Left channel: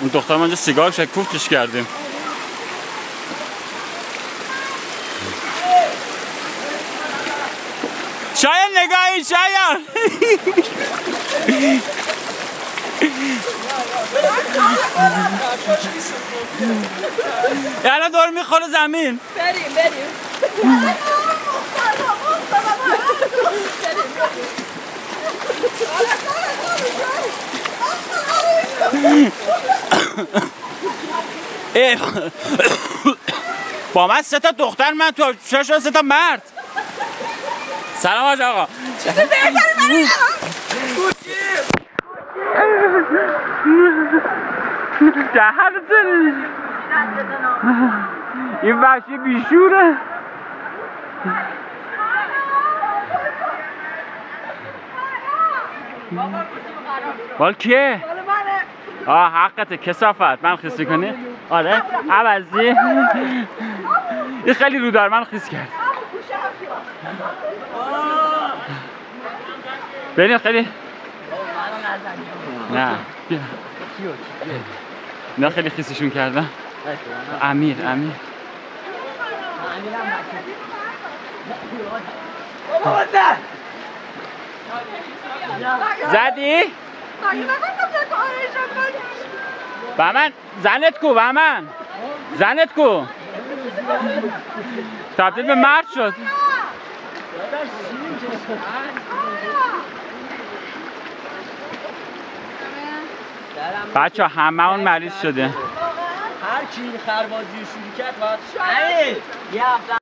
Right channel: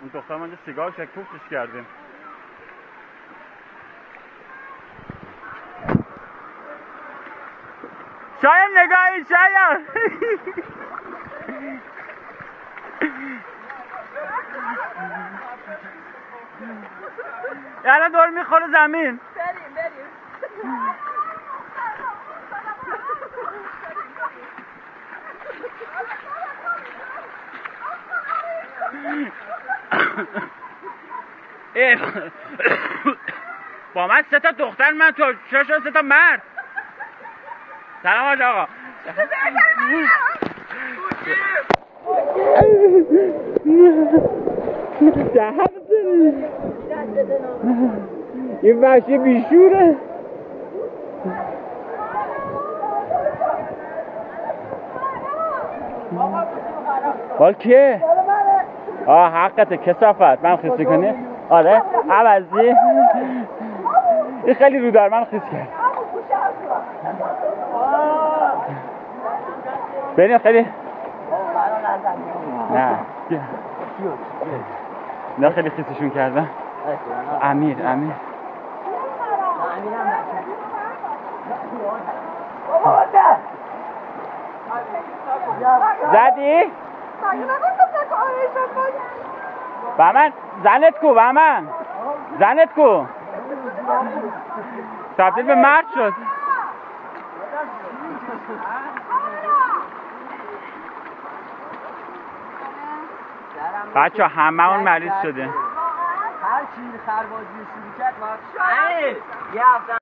اون دختر ما اینجا سیگار شکوفتش کردیم. شاید نگاهی شاید یعنی دور میخوره زمین. بریم با من 3 تا دختر، من تو 6 3 تا مرد. سلام حاج آقا. این وحشی بیشوره. بال کیه؟ حقته کثافت. من خیسی کنی؟ آره عوضی. این خیلی رو دار من خیس کرد. بریم خیلی. نه بیا. نه خیلی خیسشون کردم. امیر زدی؟ بهمن زنت کو؟ بهمن زنت کو؟ تبدیل به مرد شد. بچه همه اون مریض شده. هر کی خربازی شروع کرد باید